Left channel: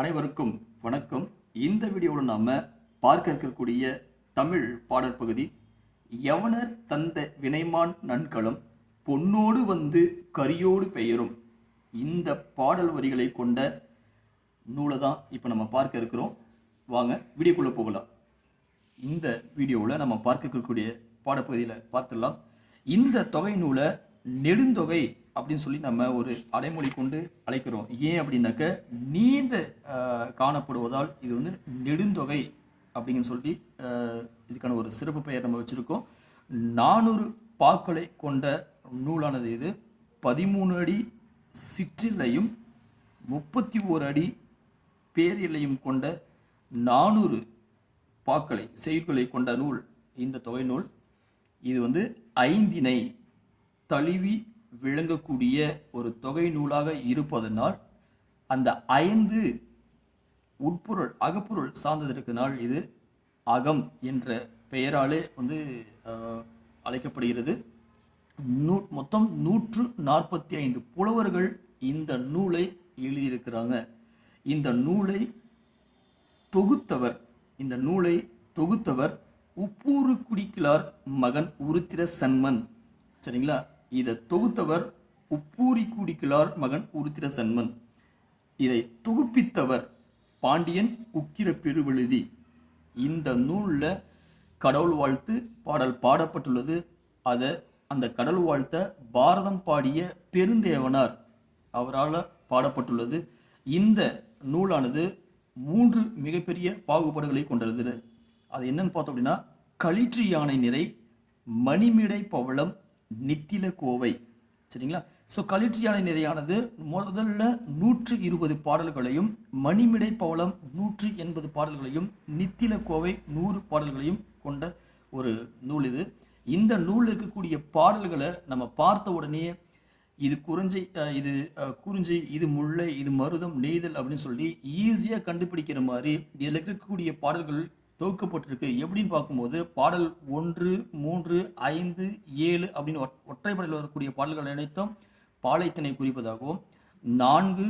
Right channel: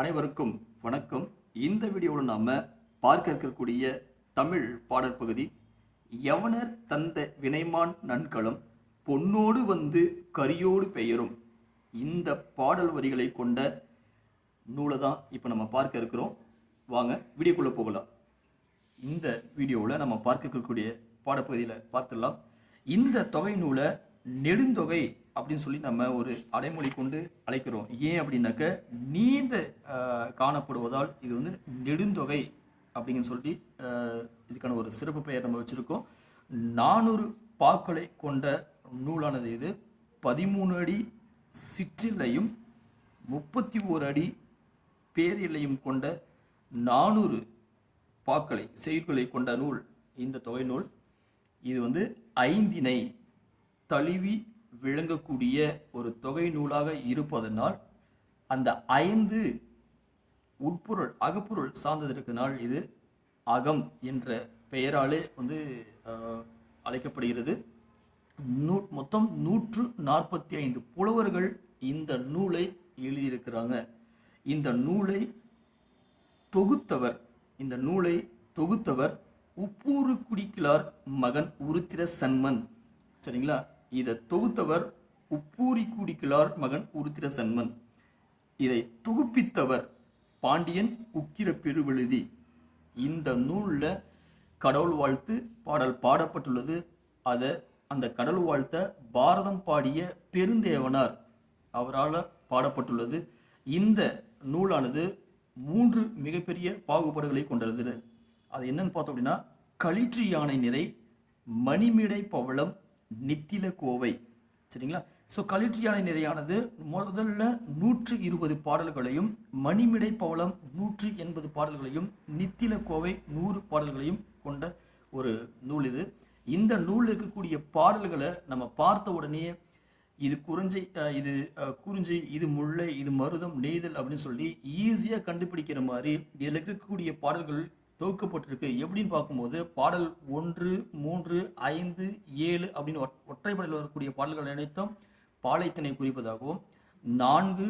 அனைவருக்கும் வணக்கம். இந்த வீடியோவில் நாம் பார்க்க இருக்கக்கூடிய தமிழ் பாடல் பகுதி எவனர் தந்த வினைமான் நன்களம் பொன்னோடு வந்து கரியோடு பெயரும். இந்த பாடல் வரிகளை கொண்ட நூலை தான் இப்போ நம்ம பார்க்க இருக்கிறோம். வாங்க வீடியோக்குள்ளே போகலாம். இந்த வீடியோவில் நம்ம பார்க்க இருக்கக்கூடிய பாடப்பகுதியில் பார்த்துடலாம். இந்த தொகை நூலை நெடுந்தொகை அப்படின்னு சொல்லி நம்ம ஒரு அடைமொழி கொண்டு அழைக்கிறோம். ஏன் அப்படின்னாக்க நீண்ட காணப்படுவதால் இது வந்து நெடுந்தொகை அப்படின்னு சொல்லி இதுக்கான ஒரு சிறப்பு பெயர் நம்ம வச்சுருக்கோம். நானூறு பாக்களை கொண்ட நூலானது இது. பதிமூணு அடி சிற்றிலையும் முப்பத்தி ஓரு அடி பேரிலையும் கொண்ட நானூறு பாக்களை செய்களை கொண்ட நூல் இந்த தொகை நூல். இது வந்து ஐந்தினை தழுவி விளங்கக்கூடிய ஒரு தொகை நூலாக இருப்பதனால் அந்த ஐந்து உட்பொருள் அகப்பொருள் சார்ந்தது இருக்கிறதுனால் இது. அகம் என்ற பெயராலே வந்து அழைக்கப்படுகிறது. நூ மொத்தம் நூற்று நாற்பத்தி ஐந்து புலவர்கள் இந்த நூலை எழுதியிருக்கிறாங்க. இந்த நூலை தொகுத்தவர் இந்த நூலை தொகுத்தவர் உப்பூரு குடிக்கிலார் மகன் உருத்திர சன்மன் சரிங்களா? இதை தொகுத்தவர் உப்பூரி குடிக்கிலார் மகன் உருத்திர சன்மன் இதை தொகுப்பித்தவர் பாண்டியன் உக்கிர பெருவெழுதி. இந்த நூலில் கடவுள் வாழ்த்து பாடல் பாடப்பட்டுள்ளது. அதை அந்த கடவுள் வாழ்த்த பாரதம் பாடிய பெருந்தேவனார் அவரால் பாடப்பட்டுள்ளது. இந்த நூலானது மூன்று மிகப்பெரிய பாகுபாடுகளை கொண்டது. அது என்னன்னு பார்த்தோம் அப்படின்னா களிற்று யானை நிறை மணிமிடை பவளம் நித்தில கோவை சரிங்களா? ஸோ களிற்று யானை நிறையானது முதல்ல நூற்று இருபது பாடல்களையும் மணிமிடை பவளம் நூற்று எண்பது பாடல்களையும் நித்தில கோவை நூறு பாடல்களையும் கொண்ட ஒரு நூல் இது. இந்த நூலில் இருக்கக்கூடிய பாடல்களை நம்ம பார்த்த உடனே இது குறிஞ்சி இது குறிஞ்சி இது முல்லை இது மருதம் நெய்தல் அப்படின்னு சொல்லி ஈஸியாக கண்டுபிடிக்கிற மாதிரி இதில் இருக்கக்கூடிய பாடல்கள் தொகுக்கப்பட்டிருக்கு. எப்படின்னு பார்க்கும்போது பாடல் ஒன்று மூன்று ஐந்து ஏழு அப்படின்னு ஒற்றைப்படையில் வரக்கூடிய பாடல்கள் அனைத்தும் பாலைத்தினை குறிப்பதாகவும் நான்கு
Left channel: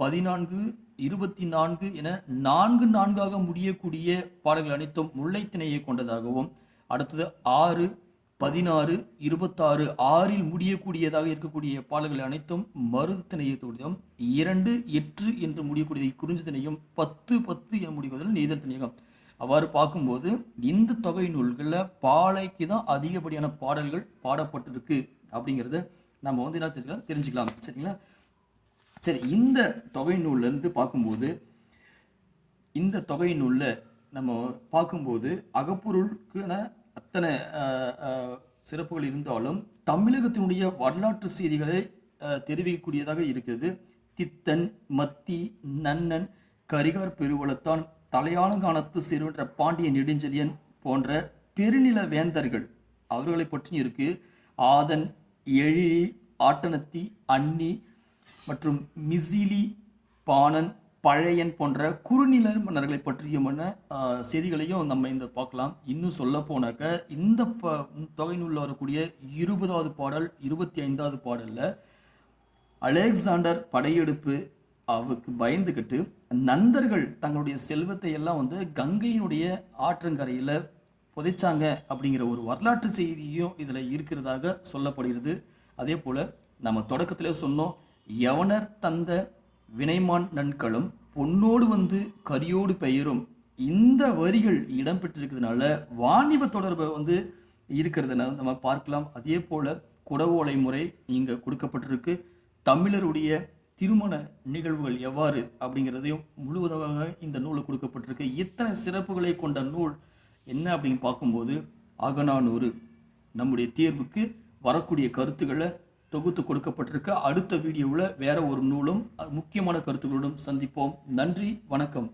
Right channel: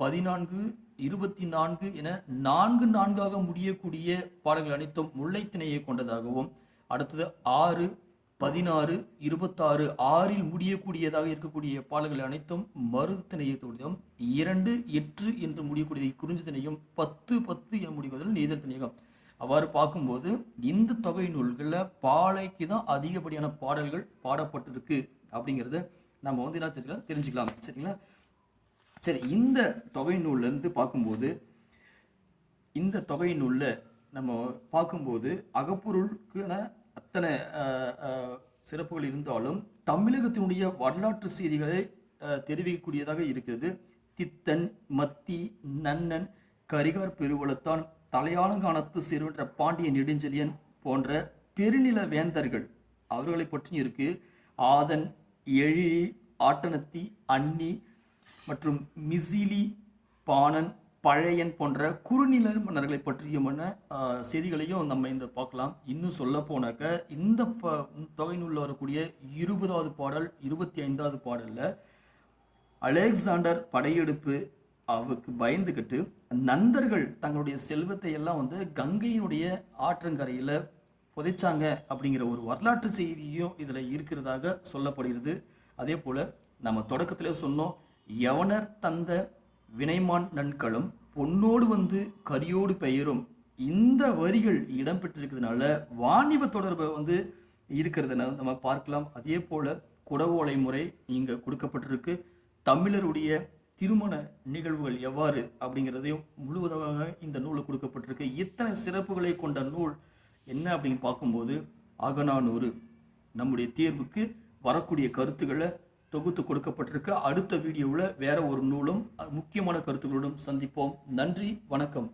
பதினான்கு இருபத்தி நான்கு என நான்கு நான்காக முடியக்கூடிய பாடல்கள் அனைத்தும் முல்லைத்திணையை கொண்டதாகவும் அடுத்தது ஆறு பதினாறு இருபத்தாறு ஆறில் முடியக்கூடியதாக இருக்கக்கூடிய பாடல்கள் அனைத்தும் மருதத்திணையத்துடையும் இரண்டு எட்டு என்று முடியக்கூடியது குறிஞ்சி திணையும் பத்து பத்து என முடிவதில் நெய்தல் திணையம் அவ்வாறு பார்க்கும்போது இந்த தொகை நூல்களில் பாலைக்கு தான் அதிகப்படியான பாடல்கள் பாடப்பட்டிருக்கு அப்படிங்கிறத நம்ம வந்து என்ன தெரிஞ்சுக்கலாம் தெரிஞ்சுக்கலாம். சரிங்களா? சரி இந்த தொகை நூல்லேருந்து பார்க்கும்போது இந்த தொகை நூலில் நம்ம பார்க்கும்போது அகப்பொருளுக்கான அத்தனை சிறப்புகள் இருந்தாலும் தமிழகத்தினுடைய வரலாற்று செய்திகளை தெரிவிக்கக்கூடியதாக இருக்கிறது. தித்தன் மத்தி நன்னன் கரிகார் பெருவளத்தான் தலையாளங்கானத்து சிறுவன்ற பாண்டிய நெடுஞ்செழியன் போன்ற பெருநில வேந்தர்கள் அவர்களை பற்றி இருக்கு. ஆதன் எழிலி ஆட்டனத்தி அன்னி மற்றும் மிசிலி பாணன் பழையன் போன்ற குறுநில மன்னர்களை பற்றியுமான செய்திகளையும் நம்ம இந்த பார்க்கலாம். இன்னும் சொல்ல போனாக்க இந்த ப தொகை நூலில் வரக்கூடிய இருபதாவது பாடல் இருபத்தி ஐந்தாவது பாடலில் அலெக்சாண்டர் படையெடுப்பு அவருக்கு பயந்துக்கிட்டு நந்தர்கள் தங்களுடைய செல்வத்தை எல்லாம் வந்து கங்கையினுடைய ஆற்றங்கரையில புதைச்சாங்க அப்படிங்கிற ஒரு வரலாற்று செய்தியும் இதுல இருக்கிறதாக சொல்லப்படுகிறது. அதே போல நம்ம தொடக்கத்திலே சொன்னோம் யவனர் தந்த வினைமான் நன்களும் பொன்னோடு வந்து கரியோடு பெயரும் இந்த வரிகள் இடம்பெற்றிருக்கிறதுனால வாணிப தொடர்பை வந்து இருக்கிறத. நம்ம பார்க்கலாம். அதே போல குடவோலை முறை இங்க கொடுக்கப்பட்டிருக்கு. தமிழருடைய திருமண நிகழ்வுகள் எவ்வாறு அப்படிங்கிறதையும் முழுவதாக இந்த நூலில் கொடுக்கப்பட்டிருக்கு. இத்தனை சிறப்புகளை கொண்ட நூல் என்ன அப்படின்னு பார்க்கும்போது அகநானூறு நம்முடைய தேர்வுக்கு வரக்கூடிய கருத்துக்களை தொகுத்து கொடுக்கப்பட்டிருக்கு. அடுத்த வீடியோவில் வேற ஒரு நூலும் முக்கியமான கருத்துக்களுடன் சந்திப்போம். நன்றி வணக்கம்.